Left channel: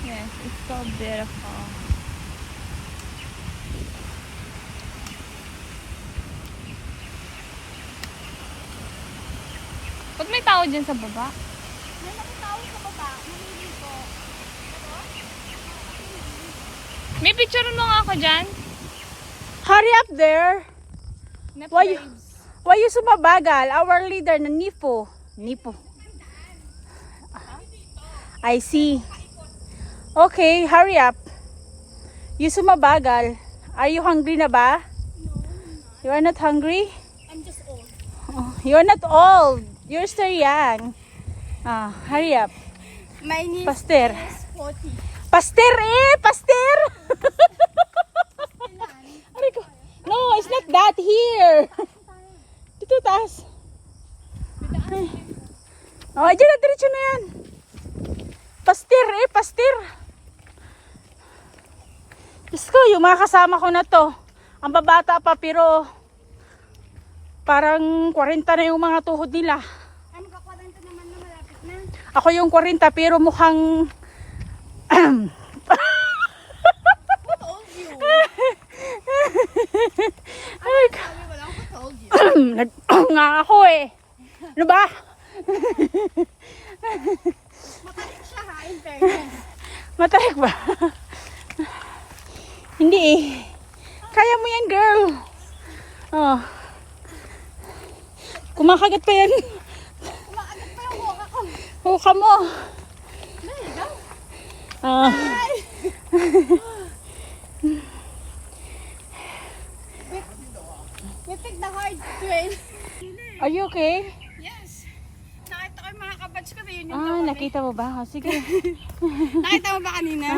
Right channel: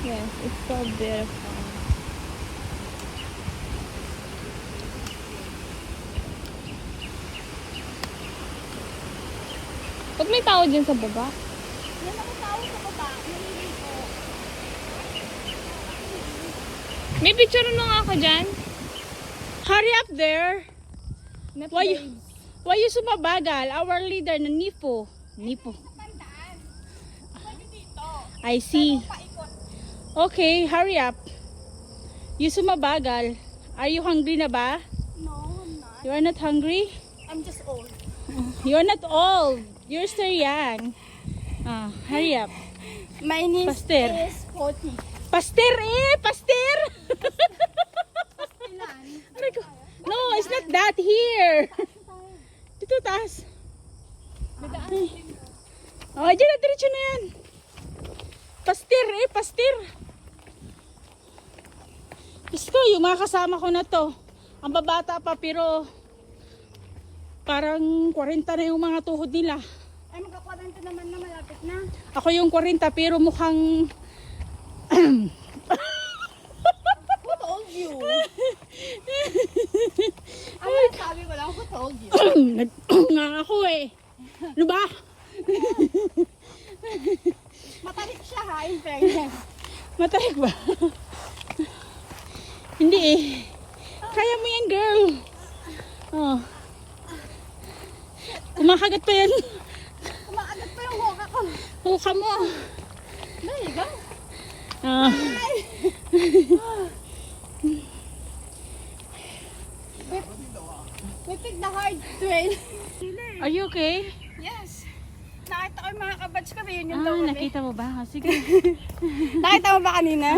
Yes, it's so beautiful. Ba't may tao dyan sa baba? May mga tao sa baba, naliligo. May picture mo nga ako dyan? Hurry up there. Why you sumabagal? Our leader na Nipo. I see. Okay, hurry up. You sumabagal. Are you hungry na ba? No, I'm not. You are not hungry? I'm just old. You're not old. You're still young. Hurry up. My niece Pastor. is 40. Pastor eh! Pastor! Aray ko. No, it's not that here. Dito taas. Oh, dyan na, diretso na yan. Pastor eh, pastor. Diyos ko, yung mga kasama ko na to. Ang babata pa pero parang 40 na yung mga tuhod nila. Ay, magka-40 naman na malapit na. Ako yung 40 pero mukhang Who told you? Sabi ko lang, who told you? nga ako eh. Ano ba? Matarik siya ha, in fairness. Matarik ba? Hindi eh. Kaya mo yan, girl. Oh. Kumakagat pa yan. Kumakagat pa yung hoka ko. Huka mo. There you go. We picked the hard trail. Are you okay? Yes. Nakita ko yung mga kabatch ko, yun yung daw kami. Nakita mo ba? Sige. Nakita mo ba kanina?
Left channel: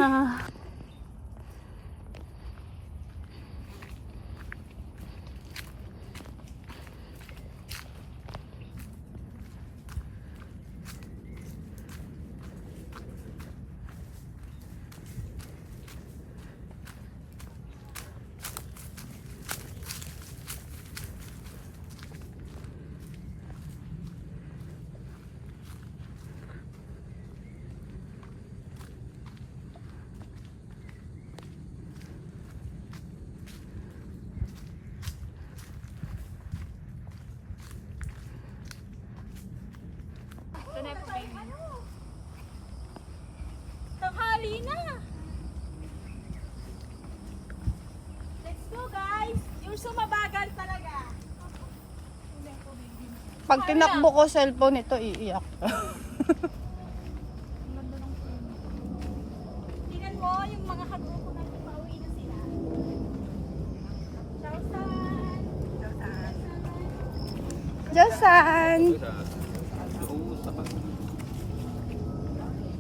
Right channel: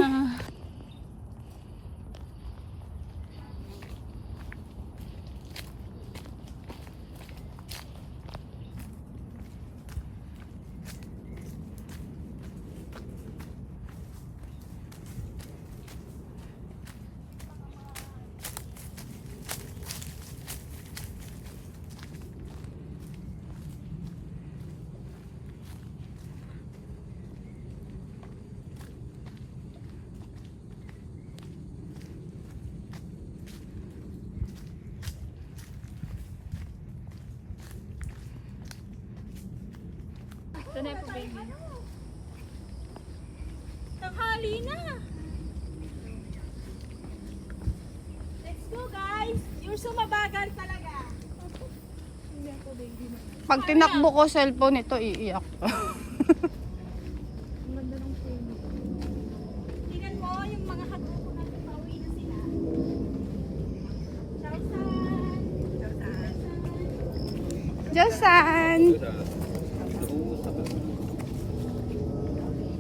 Tanghali na. Let's go, guys. You're so mabagal talaga. Pag tinakbo ko cellphone ito, iiyak. Tingnan mo yung mga kagrupo natin pauwi na sila. Diyosan!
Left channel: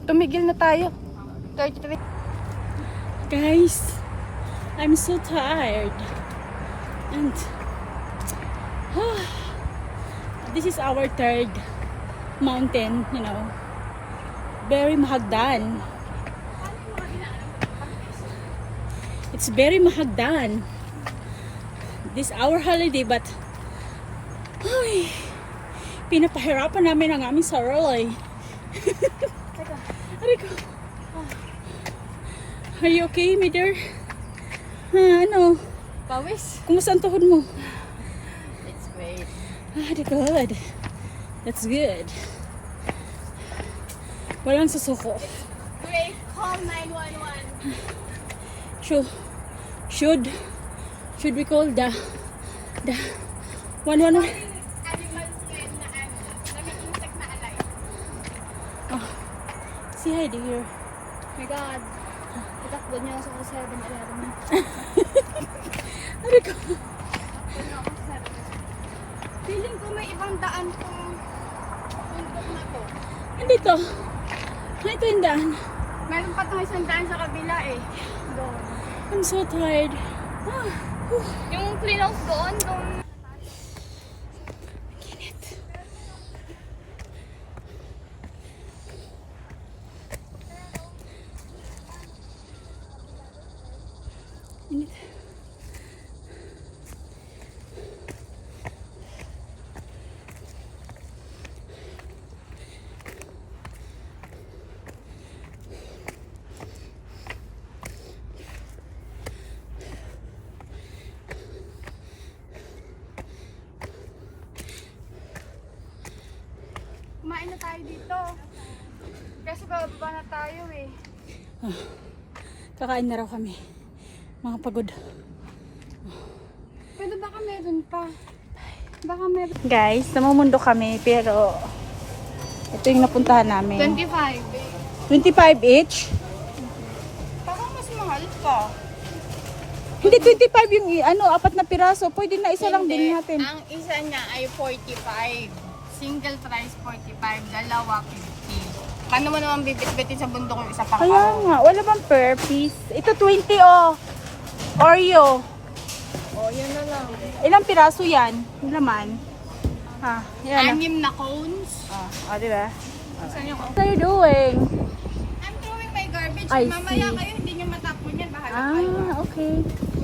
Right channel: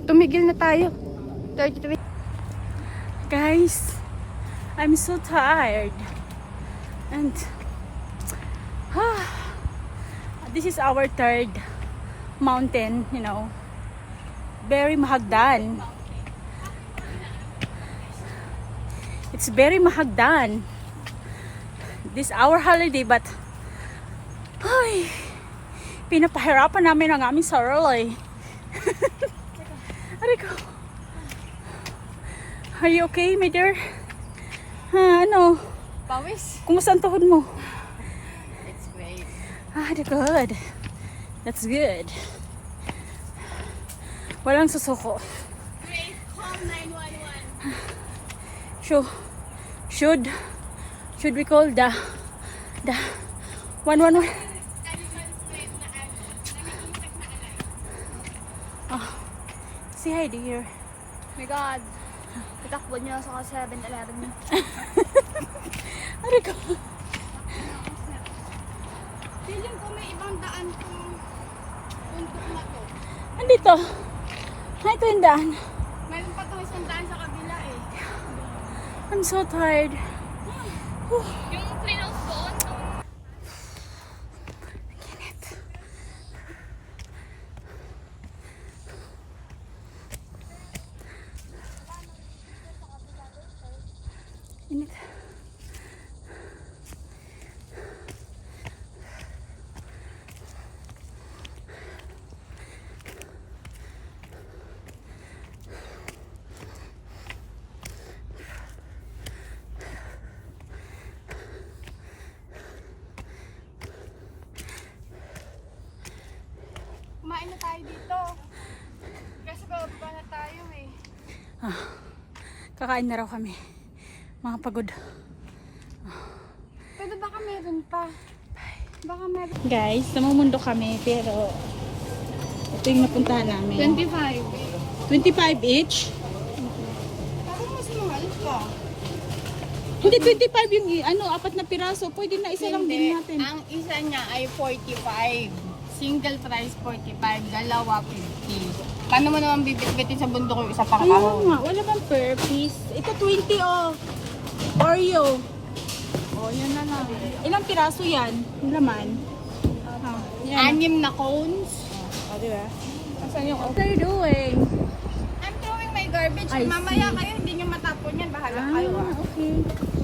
Tumigil na tayo. 33. Guys, I'm so tired. And this is our third mountain, you know. Very mahagdan. It's very mahagdan. This our holiday but ay, pinapahirapan namin ang aming sarili. Aray ko. Are you okay, my dear? Ano? Pawis? Kumusta ang tuhod mo? It's great. Good. That's good. Walang susuko. Great. Call 911. Should we call the 111? Oh. Say hi, dear. Oh my God. Itakbo niyo sa 7-Eleven. Aray ko. Feeling ko may ibang daan kung bundok na to. Andito. Hi, ito yung daan. Meron pa itong isang daan sa kabila eh. I'm so tired. Yung cleanhouse doon, Init. tayo dito. Kasi bababa na tayo eh. Kakain na raw kami. Mga pagod. Pero baka meron pa. Baka meron. Guys, namumundo kami pero ito yung napuntahan namin. 25. 25 each? Parang mas mahal pa. Hindi, 25 yung ano, 4 na piraso. Pwede na isa lang din natin. Ang isa niya ay 45. Single price 45, dalawa 50. Paano mo naman bibit-bitin sa bundok yung isa pang Kaya kahon? nga, wala bang per piece? Ito 20 oh. Oreo. Oh, yan na lang. Ilang piraso yan? Yung laman. Yan. 6 na cones. Diba? Saan yung What are you doing? I'm throwing my garbage. I Mamaya see. kayo, hindi nyo matapon yan. Bahala kayo. Okay.